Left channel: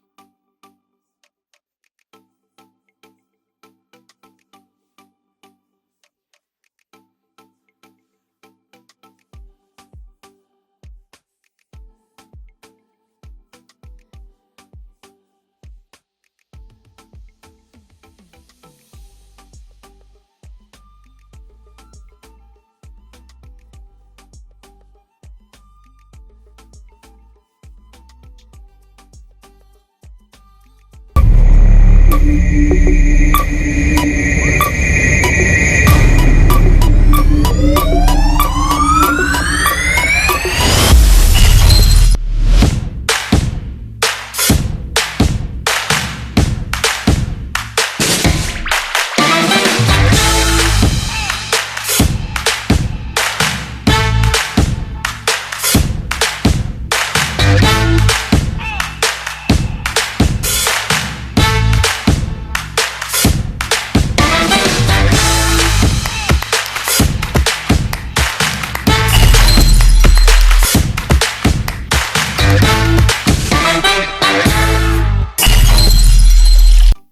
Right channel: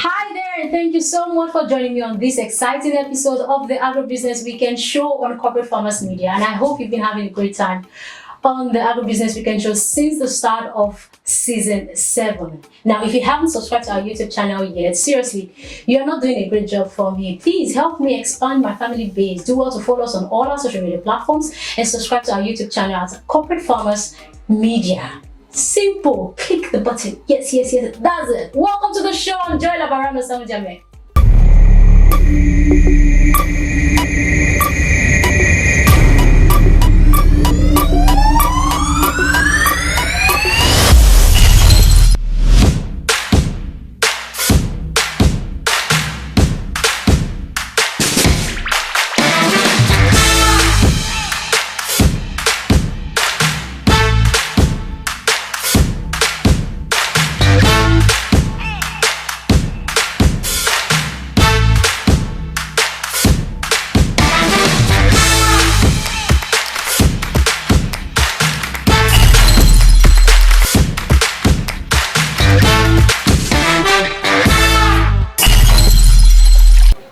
Hi there, and thank you so much for joining me on this exciting episode of the Agribusiness Weekend Show on Corporate Farmers Media. And I hope you've been having a great time on the Agribusiness Weekend Show since the start of season 7. Now, if you haven't subscribed to our YouTube channel yet, seriously, you are not doing a great job for me. Please help me expand my family base. Do well to follow us on all our social media platforms and subscribe to our YouTube channel at Corporate Farmers Media. Simple. Click the button. Yes. That's it. Welcome to the show. Enjoy la barano samujame.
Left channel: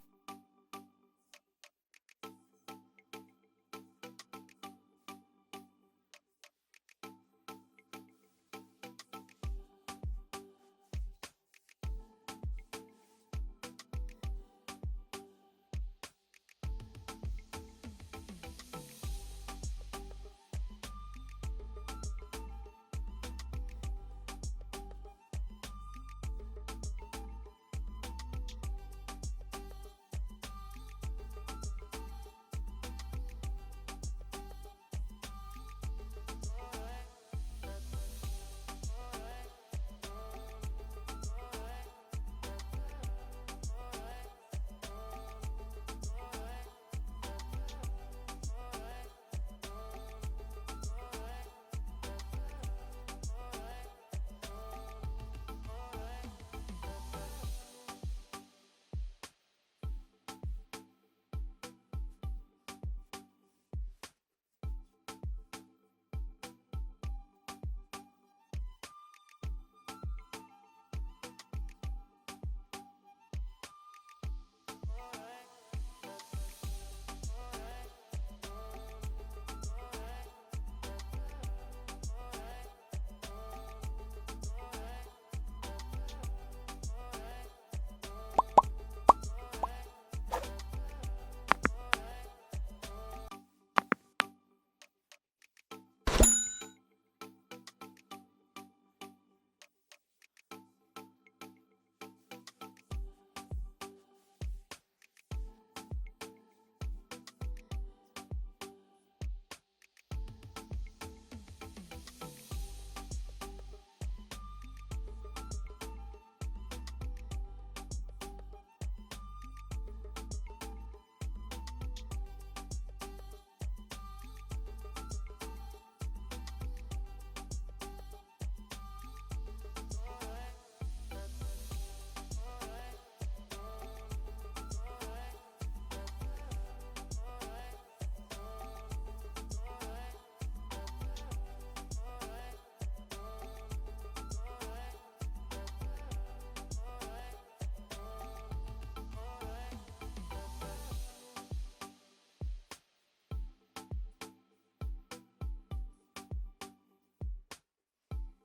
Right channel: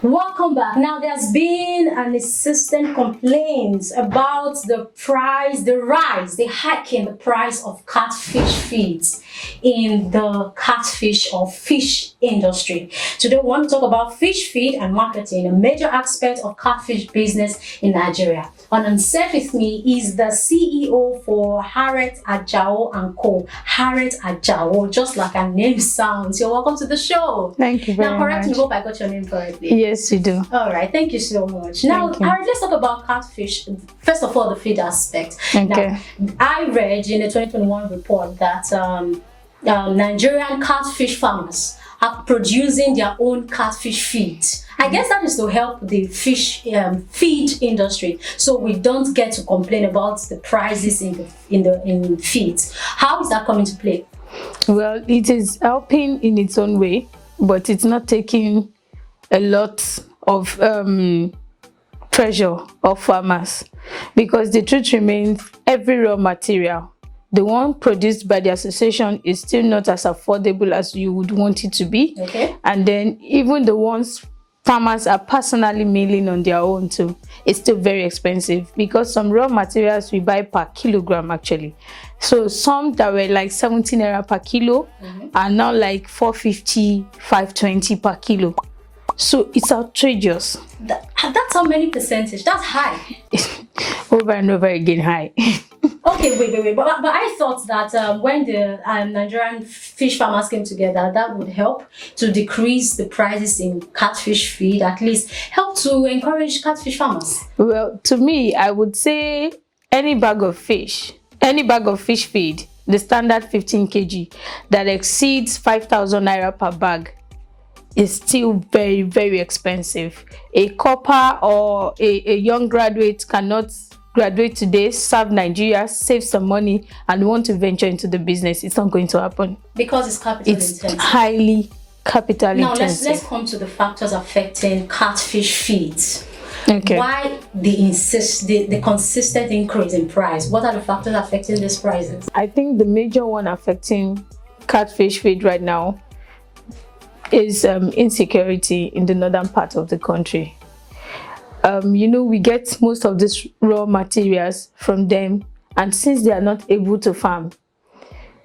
Welcome back. Now, there's been an insistent complaint about the hike in the price of catfish feeds in the catfish or fish industry. Today, we want to talk about fish feed and marketing, a major aspect of catfish business in Nigeria. On set with me is the CEO for Hairat, Ajao and Co. Hairat Ajao, just like our name sounds. You're welcome to the show. Thank you very much. Now, correct me, hope I got your name correctly. Yes, you do. All right, thank you so much. Now, let's talk about catfish. First of all, the feed aspect. Okay. Now, I read in the 2021 report that Nigerian catfish farmers are producing their own catfish feeds. I guess that is to help the fish feed industry, so we don't get to complain about the prices in feeds. How is that coming to play? Well, it is helping in its own way, but it's not taking a lot of pressure off farmers, because the truth remains, every raw material, the one produced by the association, is still not as affordable as you would want it to be. Okay. And then even the ones farmers are personally milling on their own too, it's still very expensive, because some raw materials we buy per kilogram actually. So some that were like 17 naira per kilo are now like 450, 520 per kilo. So it's outrageous. That's how many percentage? That's high. Over and over again high. Okay, wait. But I thought that when the Nigerian fish farmers came together, that would help to decrease the prices in catfish feed, at least help to encourage catfish farmers. Well, to me, I would say any bag of fish feed, the standard 15 kg, that exceeds 5,000 naira per bag, is still very, very expensive. A copper or a young graduate cannot graduate today, serve Nigeria, save some money, and want to venture into the business. It's not going to happen. Because it's capital intensive. It's highly capital intensive. Now, let's come to the factors affecting catfish feeds. Okay. Why the consistent increase in price? What are the factors affecting these prices? I think the major one affecting catfish feed right now is insecurity in the northern part of the country. We get most of these raw materials from them, and since they are not able to farm,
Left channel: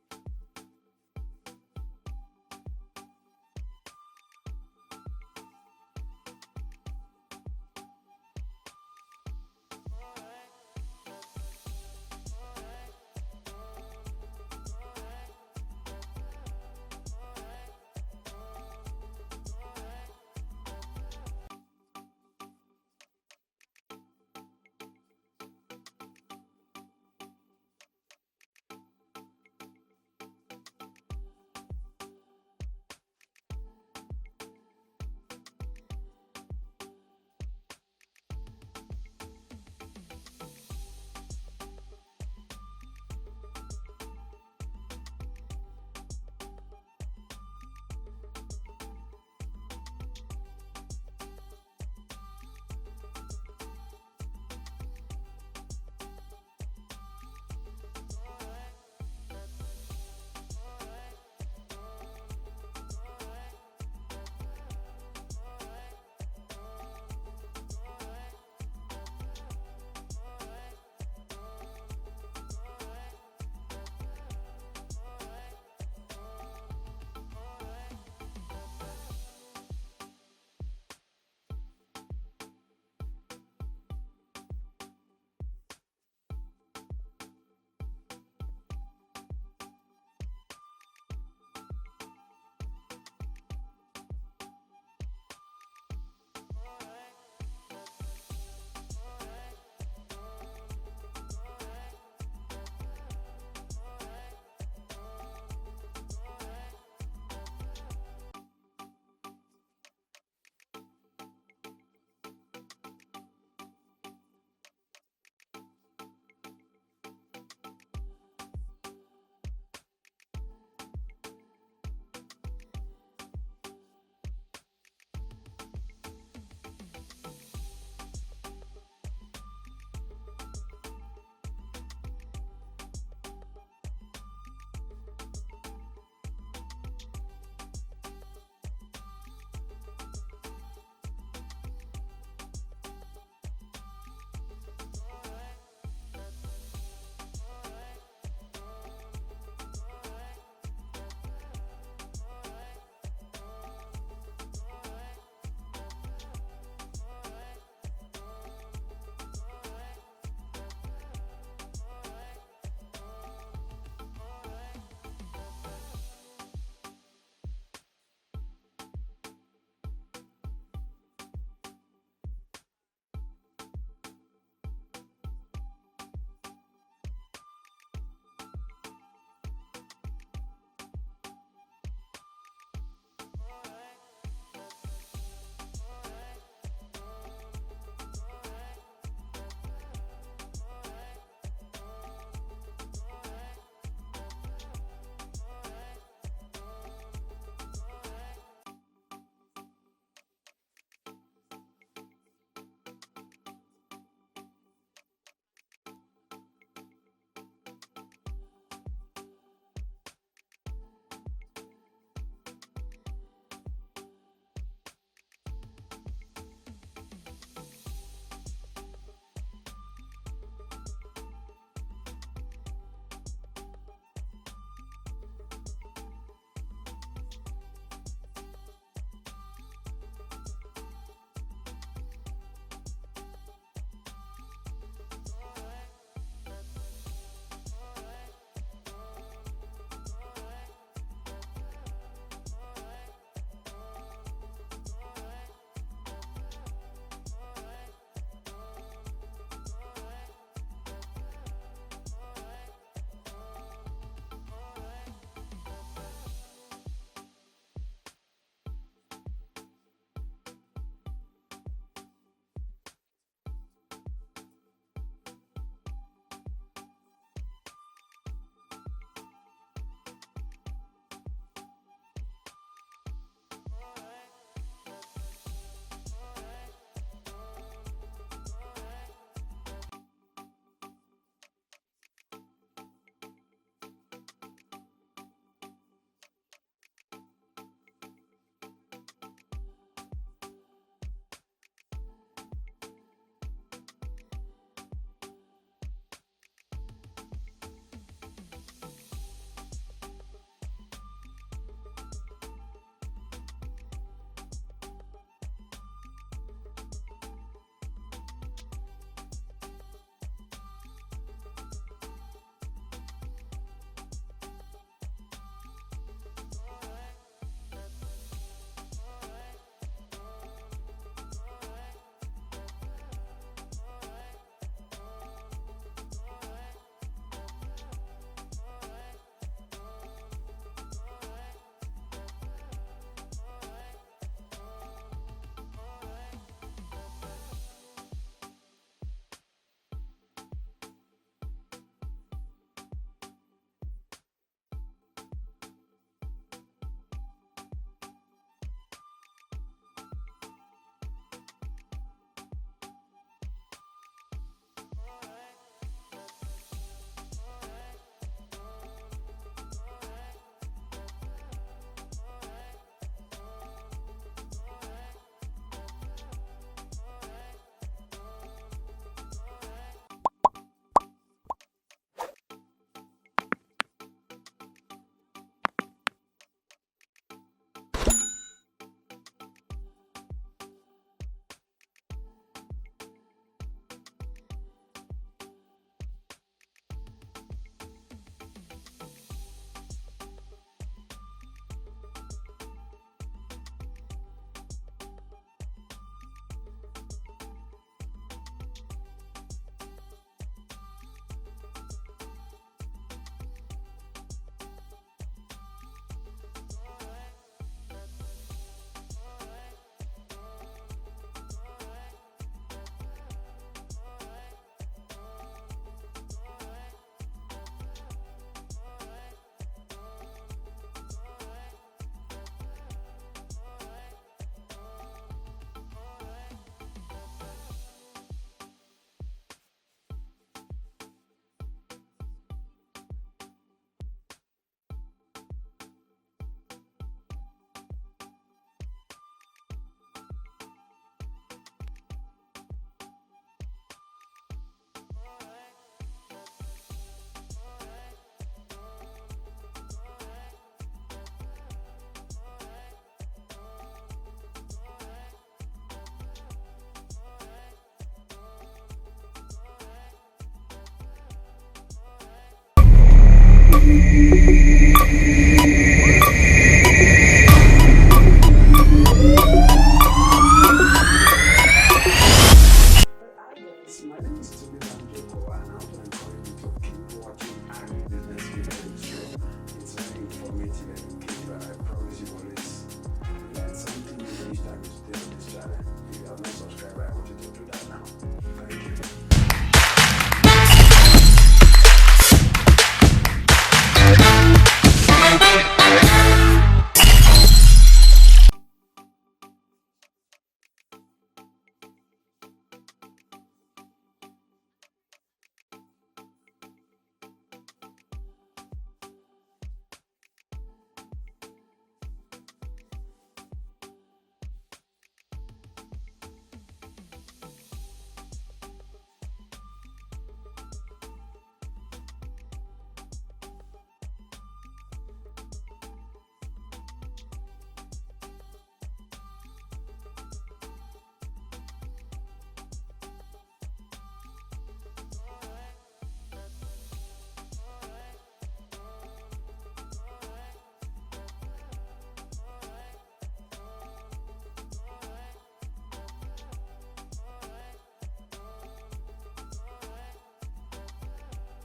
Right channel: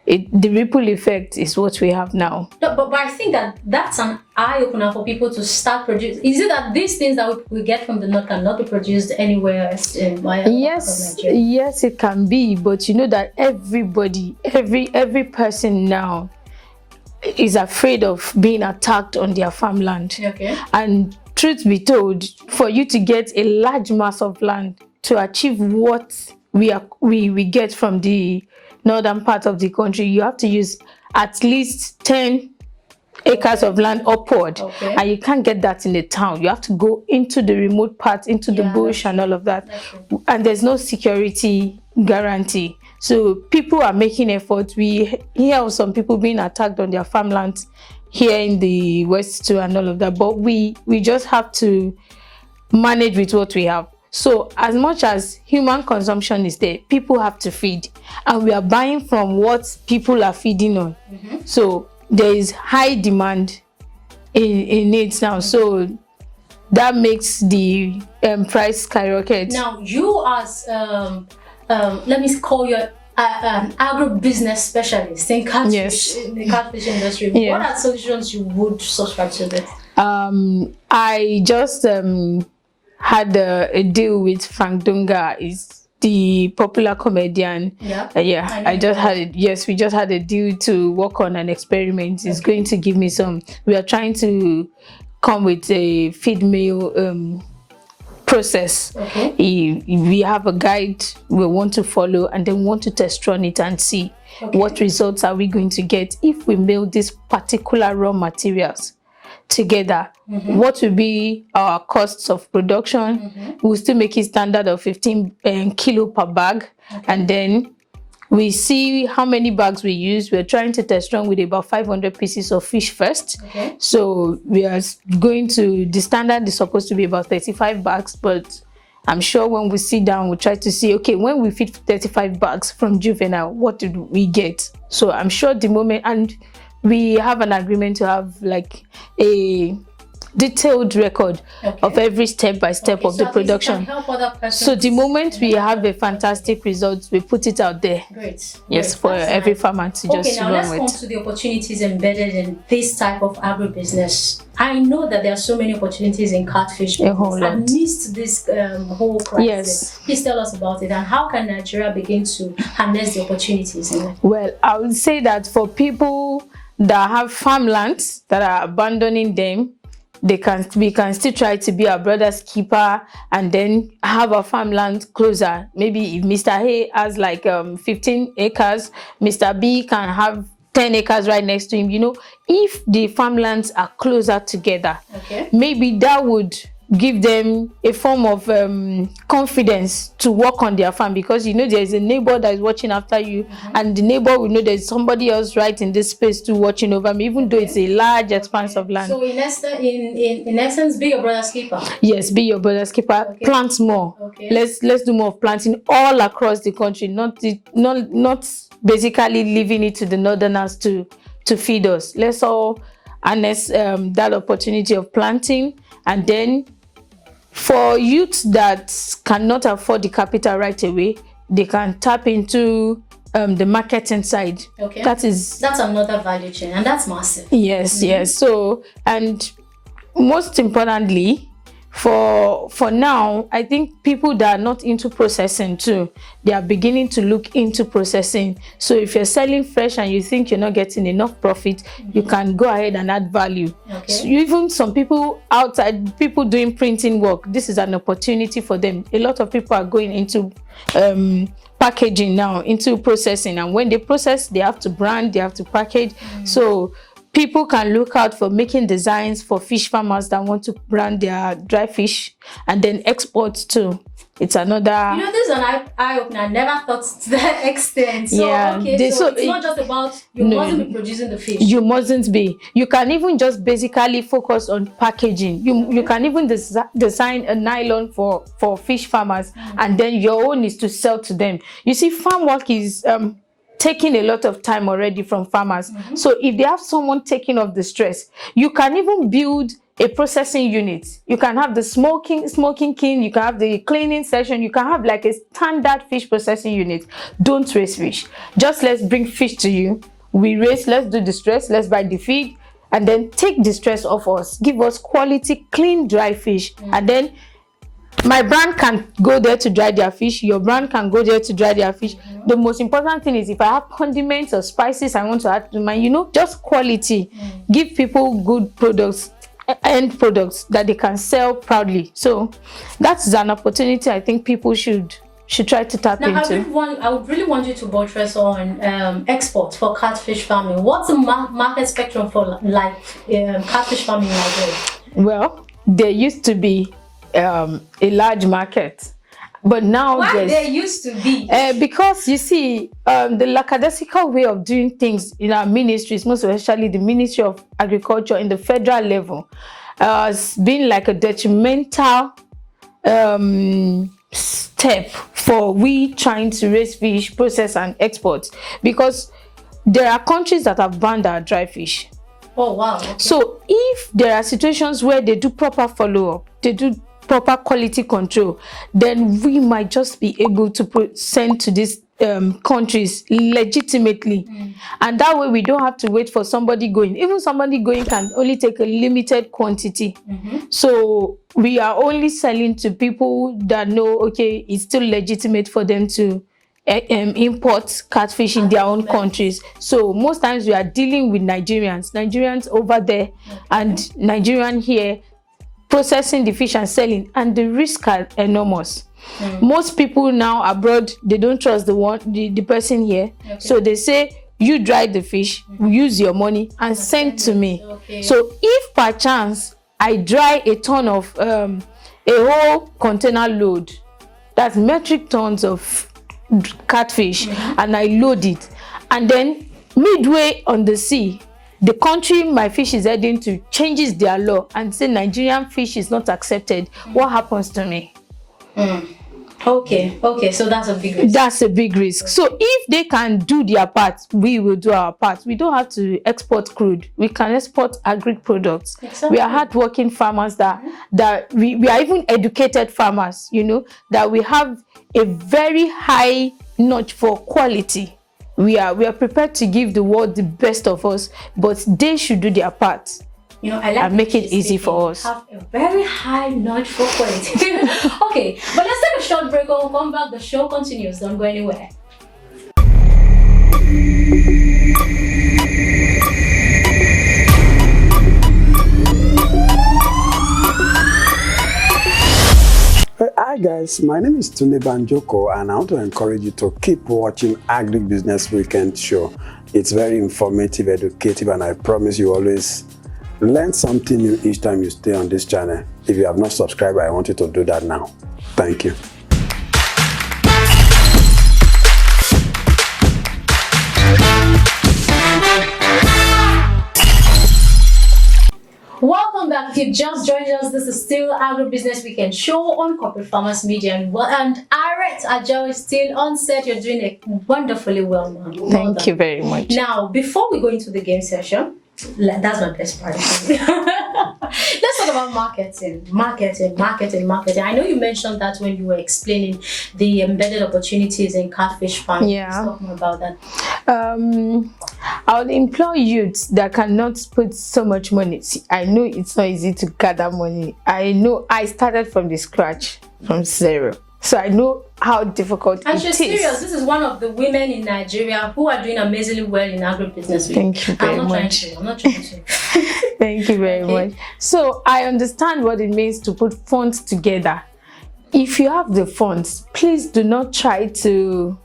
the ripple effect is what we have now. No, but I think that's an eye-opener for people to start producing. Is it that these things that we get from the north cannot be produced anywhere else in Yes, it can be, but you know that everybody, every person now is afraid of being attacked on their farmland. Okay. And truth be told, for you to get a large mass of land to achieve what we get from the northern part of the country, you have to use at least 10 acres of land upward. Okay. And you can't get that in a town. You have to go into the remote parts, into the bush and all of that. And there's no security guarantee. So people are making efforts. We hear of some people being attacked on their farmlands here in the west too and all of that. But we just have to manage with what we have. So as much as human consumption is there, people have to feed, and we are buying from what people are feeding on. So there is high demand in it now. So that makes the price skyrocket. Now, you as let me call you an agro-business specialist in catfish, Yes. in the catfish industry. Yeah. What are solutions you would subscribe to this? I just had a deal with Frank Dunga, is the popular comedian. Yeah. I just had it. Yes, we just had a deal to work on an experiment. It's going to give me some. We are trying to come with a feed meal process. Okay. We have a guide we want to follow, and then we want to test run it and see what results are we going to get if we mill these particular raw materials together. What will be our costs of production? We'll still make it standard of 15 kilo per bag, and then we see how many bags we use. We're trying to test run with about 500 pieces of fish first. So we are going to, the standard is supposed to be about 35 bags, but I'm sure when we sit down, we'll try to see, okay, when we feed 35 bags from juvenile, what did we get? So I'm sure the moment, and we have an agreement to have like a detailed record of every step by step of the production. So the moment we have a fantastic result, we put it out there. Great. Yes, for every farmer to just now run let's with. come to the opportunities embedded in this type of agribusiness. I know that there are so many opportunities in catfish. A whole lot. I missed this whole crisis. Yes. Please tell us about it, and how can Nigeria begin to harness the opportunities in it? Well, I would say that for people that have farmlands that are abandoning them, we can still try to be our brother's keeper and then have a farmland closer. Maybe if Mr. A has like 15 acres, Mr. B can have 10 acres right next to him. You know, if the farmlands are closer together, maybe that would give them a form of confidence to work on their farm, because you know there's a neighbor that is watching after you, and the neighbor will know there's somebody else right in this space too watching over me, even though it's a large expanse of land. So in essence, be your brother's keeper. Yes, be your brother's keeper. Plant more. Let's do more of planting all across the country, not basically leaving it to the northerners to feed us. Let's all harness that opportunity of planting. And then for youths that cannot afford the capital right away, they can tap into the marketing side. That's another value chain, and that's massive. Yes. So, and most importantly, for now, I think people that are not into processing too, they are beginning to look into processing. So if you're selling fresh and you think you're not getting enough profit, you can go ahead and add value. So even some people outside, people doing printing work, this is an opportunity for them. A lot of people are going into packaging now, into processing, and when they process, they have to brand, they have to package. So people can look out for making designs for fish farmers that want to brand their dry fish and then export too. It's another. You know, this is an eye-opener. I never thought to that extent. So, so it's not just about you mustn't be producing the fish. You mustn't be. You can even just basically focus on packaging. You can even design a nylon for fish farmers, and then your own is to sell to them. You see, farm work is taking a lot of time already from farmers. So if they have someone taking off the stress, you can even build a processing unit. You can have the smoking kiln, you can have the cleaning section, you can have like a standard fish processing unit. Don't raise fish. Just let's bring fish to you. We raise, let's do the stress, let's buy the feed, and then take the stress off us. Give us quality, clean, dry fish. And then my brand can go there to dry their fish. Your brand can go there to dry their fish. The most important thing is if I have condiments or spices I want to add to mine, you know, just quality. Give people good products, end products that they can sell proudly. So that's an opportunity I think people should try to tap into. I would really want you to buttress on export for catfish farming. What's the market spectrum for catfish farming in Nigeria? Well, there used to be a large market, but now there used to be because you see the lackadaisical way of doing things in our ministries, most especially the Ministry of Agriculture in the federal level, has been like a detrimental step for we trying to raise fish, process and export, because there are countries that have banned our dry fish. Oh, wow. Okay. So if there are situations where they do proper follow-up, they do proper quality control, then we might just be able to send to these countries legitimately. And that way we don't have to wait for somebody going. Even somebody going can only take a limited quantity. So we are only selling to people that know, okay, it's still legitimate for them to import catfish in their own countries. So most times we are dealing with Nigerians over there and Nigerian here, processing the fish and selling, and the risks are enormous. Most people now abroad, they don't trust the person here. So they say, you dry the fish, use your money and send to me. So if per chance I dry a ton of a whole container load, that's metric tons of catfish, and I load it, and then midway on the sea, the country my fish is heading to changes their law and say Nigerian fish is not accepted, what happens to me? Okay, so that's a big risk. That's a big risk. So if they can do their part, we will do our part. We don't have to export crude. We can export agri products. Exactly. We are hardworking farmers that we are even educated farmers, you know, that we have a very high notch for quality. We are prepared to give the world the best of us, but they should do their part. You know, I like and make it easy for us. Have a very high notch for quality. Okay, but let's take a short break. We'll come back. The show continues. Don't go anywhere. Hi guys, my name is Tunde Banjoko and I want to encourage you to keep watching Agribusiness Weekend Show. It's very informative, educative, and I promise you always learn something new each time you stay on this channel. If you have not subscribed, I want you to do that now. Thank you. Welcome back. If you just joined us, this is still Agribusiness Weekend Show on Corporate Farmers Media, and Hairat, Ajao is still on set. You're doing it wonderfully well, man. Thank you very much. Now, before we go into the game session, that's my best part. Let's talk about marketing. I know you mentioned that when you were explaining the embedded opportunities in catfish farming. Yeah. Talking about that. I would employ youths that cannot put so much money. See, I know it's not easy to gather money. I know I started from the scratch, from zero. So I know how difficult and it is. Serious. This is one of the women in Nigeria who are doing amazingly well in agribusiness. Thank you very much. I'm not trying to. Thank you very much. So I understand what it means to put funds together. If you have the funds, please do not try to,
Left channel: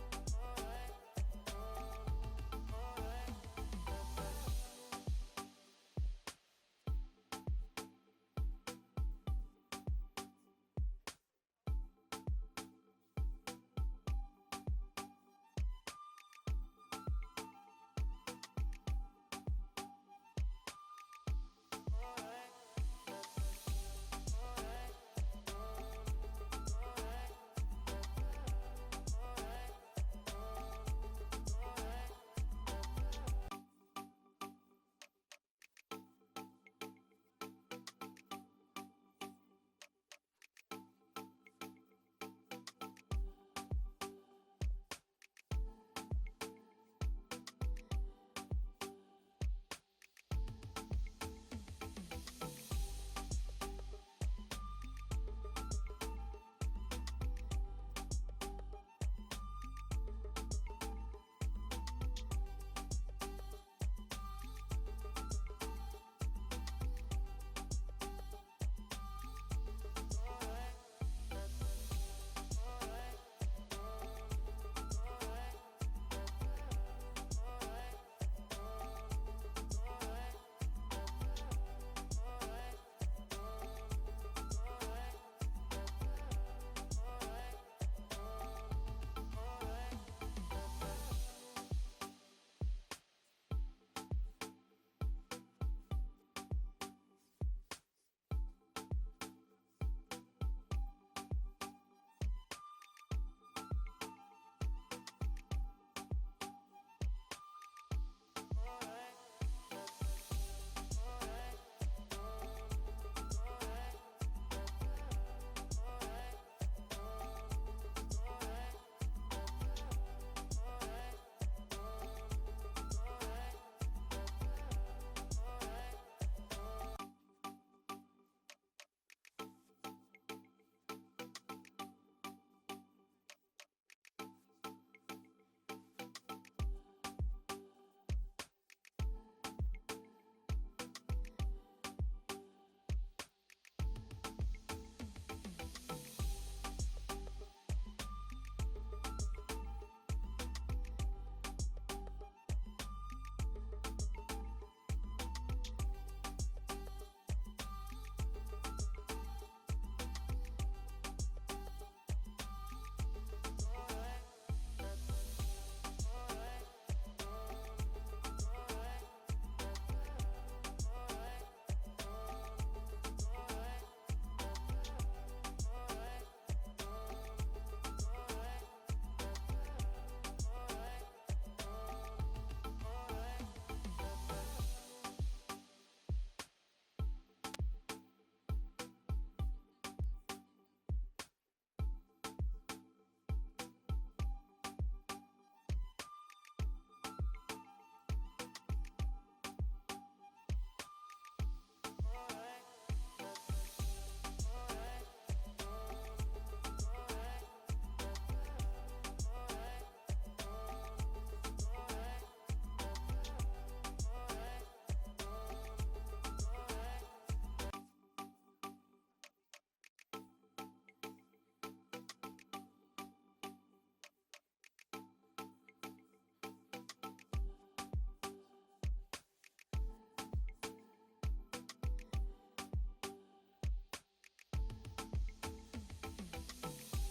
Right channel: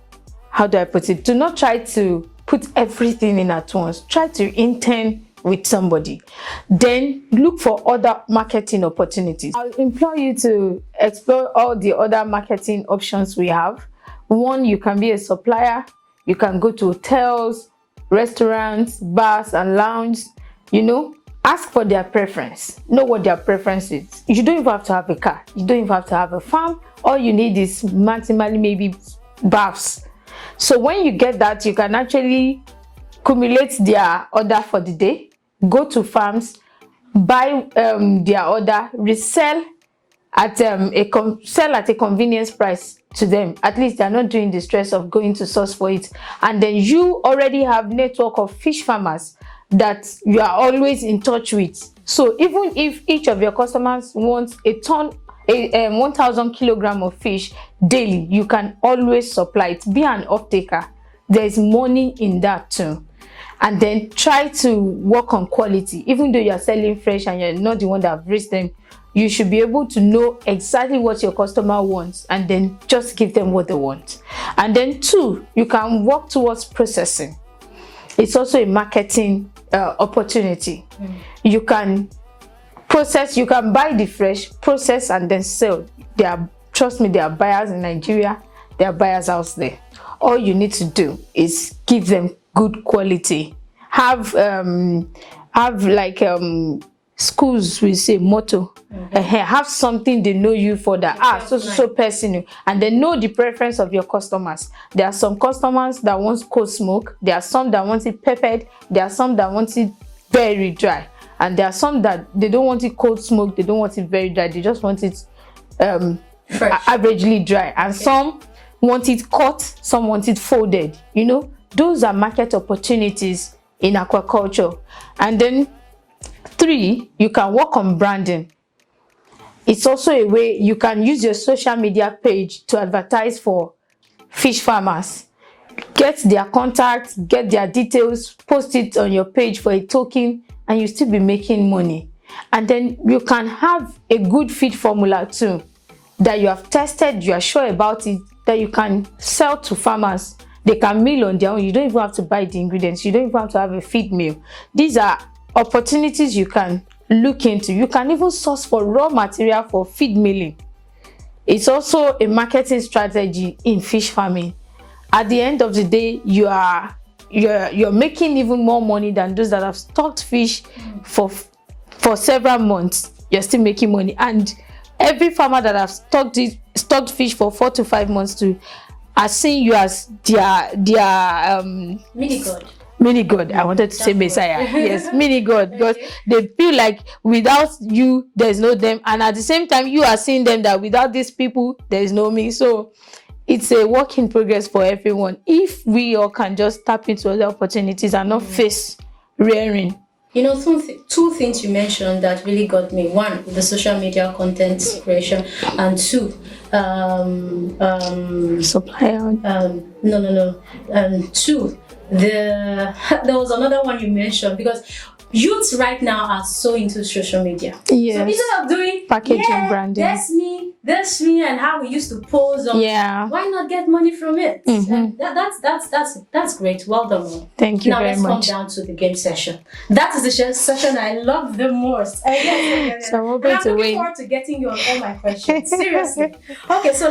how do I put it? Do not try to put everything in at once. Try to intern with somebody. Then look for other marketing opportunities. I'll implore you to explore all the other marketing options we have. One, you can be a supplier. You can go to hotels, restaurants, bars, and lounges. You know, ask for their preference. Know what their preference is. You don't even have to have a car. You don't even have to have a farm. All you need is maximally maybe baths. So when you get that, you can actually accumulate their order for the day, go to farms, buy their order, resell at sell at a convenience price to them. At least they're not doing the stress of going to source for it. And then you already have network of fish farmers that you are always in touch with. So even if each of your customers wants a 1,000 kilogram of fish daily, you can always supply it. Be an off-taker. There's money in that too. And then try to work on quality. Even though you're selling fresh and you're not the one that have raised them, you should be able to know exactly what your customer wants and then just give them what they want. And then two, you can work towards processing. It's also a marketing opportunity. You can process, you can buy the fresh, process, and then sell. Trust me, there are buyers in Nigeria, there are buyers out there. All you need to do is give them good quality. Have like schools will say motto. Have something they know you for that. So personal, and they know the preference of your customers. There are some customers that want cold smoke. There are some that want it peppered. There are some that want it very dry, and there are some that they don't want it cold smoked, they don't want it very dry, they just want it averagely dry, and some want it cut, some want it folded. Those are market opportunities in aquaculture. And then 3, you can work on branding. It's also a way you can use your social media page to advertise for fish farmers. Get their contacts, get their details, post it on your page for a token, and you still be making money. And then you can have a good feed formula too that you have tested, you are sure about it, that you can sell to farmers. They can mill on their own. You don't even have to buy the ingredients. You don't even have to have a feed mill. These are opportunities you can look into. You can even source for raw material for feed milling. It's also a marketing strategy in fish farming. At the end of the day, you're making even more money than those that have stocked fish for several months. You're still making money, and every farmer that have stocked fish for 4 to 5 months too are seeing you as their mini god. I wanted to say Messiah. Yes, mini god, because they feel like without you there's no them, and at the same time you are seeing them that without these people there is no me. So it's a work in progress for everyone if we all can just tap into other opportunities and not face rearing. Two things you mentioned that really got me. One, the social media content creation, and 2, supply. 2, there was another one you mentioned, because youths right now are so into social media. Yes. So instead of doing packaging, branding, that's me, and how we used to pose on, why not get money from it? And that's great. Well done. Thank you now very much. Now let's come down to the game session. That is the session I love the most. So I'm looking forward to getting you on all my questions. Seriously. Okay, so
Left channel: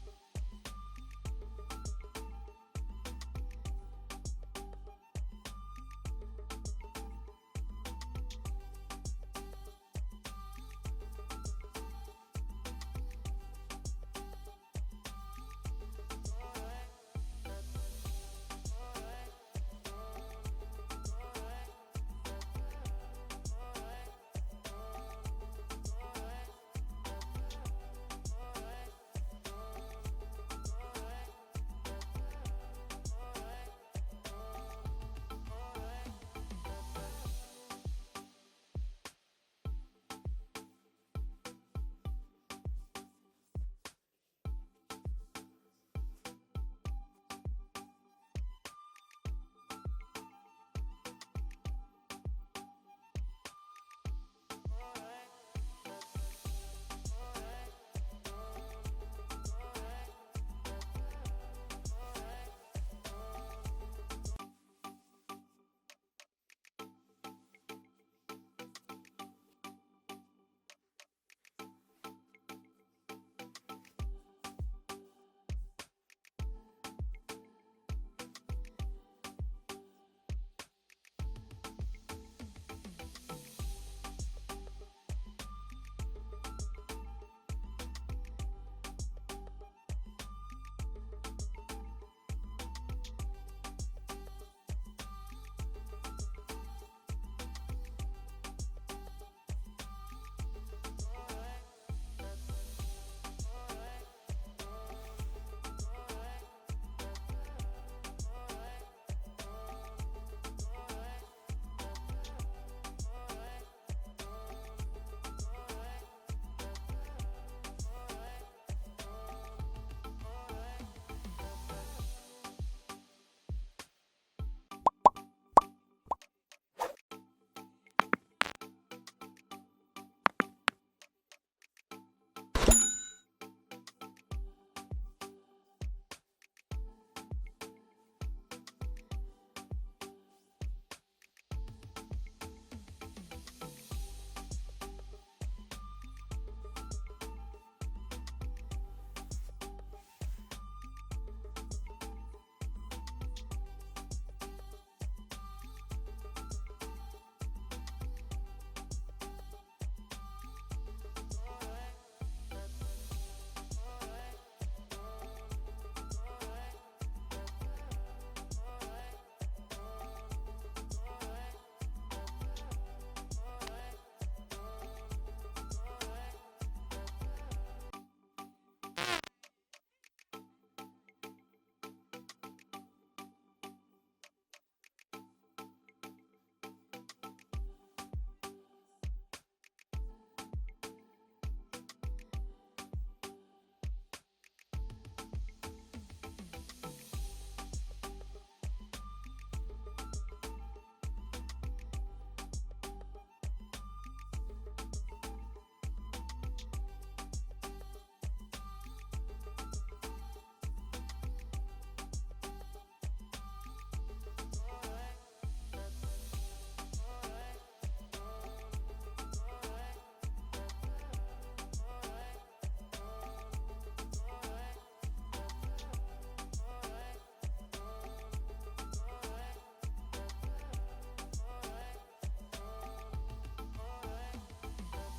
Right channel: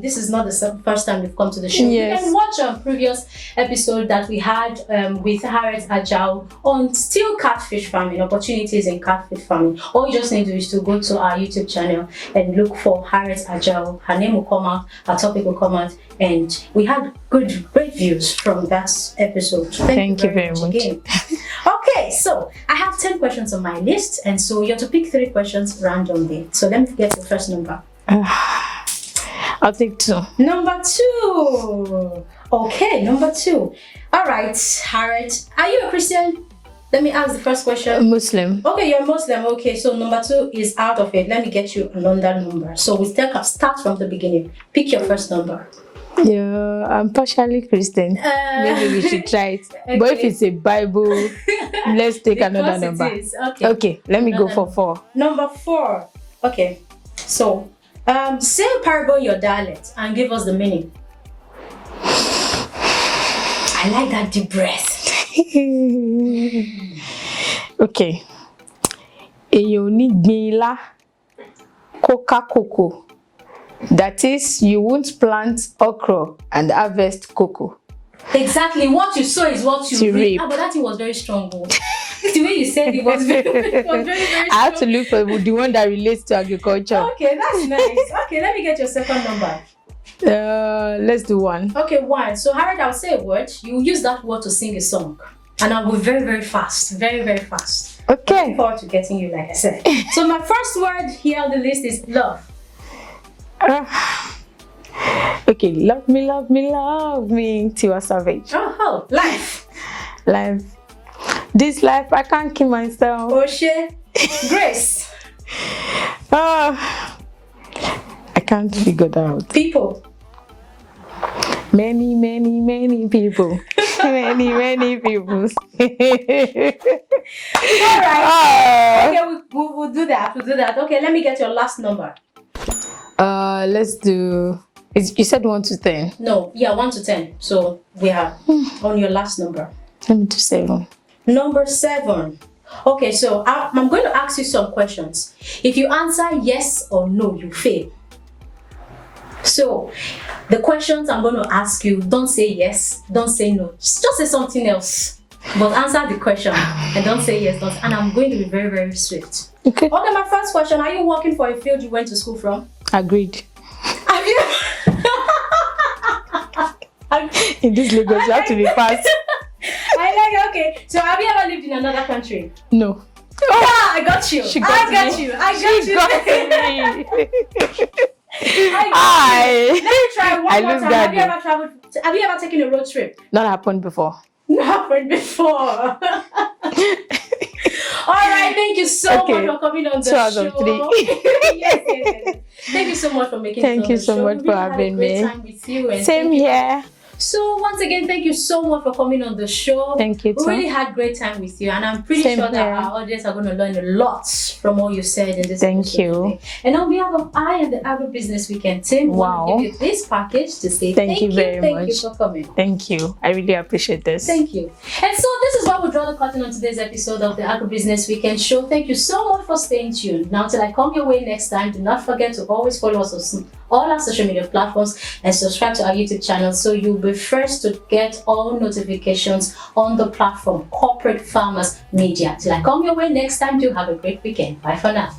this is not the first time you've come to the show. Yes. You can watch a previous episode that we had with Hairat Ajao on still catfish farming, opportunities in catfish farming. All you just need to do is to go to our YouTube channel and look for Hairat Ajao. Her name will come out, our topic will come out, and we had great views from that episode. Thank you very much again. Okay, so I have 10 questions on my list, and so you have to pick 3 questions randomly. So let me get the first number. I'll take 2. Number 2. Okay, number 2. All right, Hairat, are you a Christian? Let me ask the first question. A Muslim. Okay, you're a Muslim. Okay, so number 2 is out of it. Let me get you another number. So we start from the beginning. Pick your first number. Yeah, I'm partially Christian. Maybe we should try it. Okay. But if it's a Bible, let's take another number. Okay, let me go for 4. Number 4. Okay, so say a parable in your dialect and give us the meaning. I like that deep breath. Okay. Èyàn ní gbin ilá, coca cocoa. That is, you won't plant okra and harvest cocoa. Exactly. What you sow is what you reap. But that thing was very strong. The way you said it was very strong. I have to look for the one that relates to agriculture. Okay, that's nice. Okay, let me get your second number. Let's do 1. Okay, 1. So Hairat, I'll say a word. You use that word to sing a song. And I'll be very, very fast. Very, very fast. Okay. Looking forward to getting you, like I said. So my first word here on the list is love. Okay, love me, love me, love me. Tiwa Savage. Oh, life. Life. This life, I can't keep myself. Oh shit. Grace. I can't figure that out. People. Many, many, many people. many people. All right. Okay, we'll do that. We'll do that. Okay, let me get your last number. Let's do. You said 1 to 10. No, yeah, 1 to 10. So we are on your last number. Let me do 7. Number 7. Okay, so I'm going to ask you some questions. If you answer yes or no, you fail. So the questions I'm going to ask you, don't say yes, don't say no. Just say something else. But answer the question and don't say yes, don't. And I'm going to be very, very swift. Okay, my first question. Are you working for a field you went to school from? Agreed. Have you? In this Lagos, you have to be fast. I like, Okay, so have you ever lived in another country? No. Yeah, I got you. She I got got me. you. I got She you. got me. I got you. Let me try one I more lose time. that. Have you ever taken a road trip? Not happened before. Not happened before. All right, thank you so much for coming on the 2 out show. of 3. Yes. Thank you so much for making it Thank on you the so show. much We for really had a having great me. time with you. And Same thank you. here. So once again, thank you so much for coming on the show. Thank you We too. really had great time with you, and I'm pretty Same sure that here. our audience are going to learn a lot from all you said in this Thank episode you. today. And on behalf of I and the Agribusiness Weekend team, we want to give you this package to say Thank you very Thank much. you for coming. Thank you. I really appreciate this. Thank you. And so this is where we draw the curtain on today's episode of the Agribusiness Weekend show. Thank you so much for staying tuned. Now, till I come your way next time, do not forget to always follow us on all our social media platforms and subscribe to our YouTube channel so you'll be first to get all notifications on the platform Corporate Farmers Media. Till I come your way next time, do have a great weekend. Bye for now.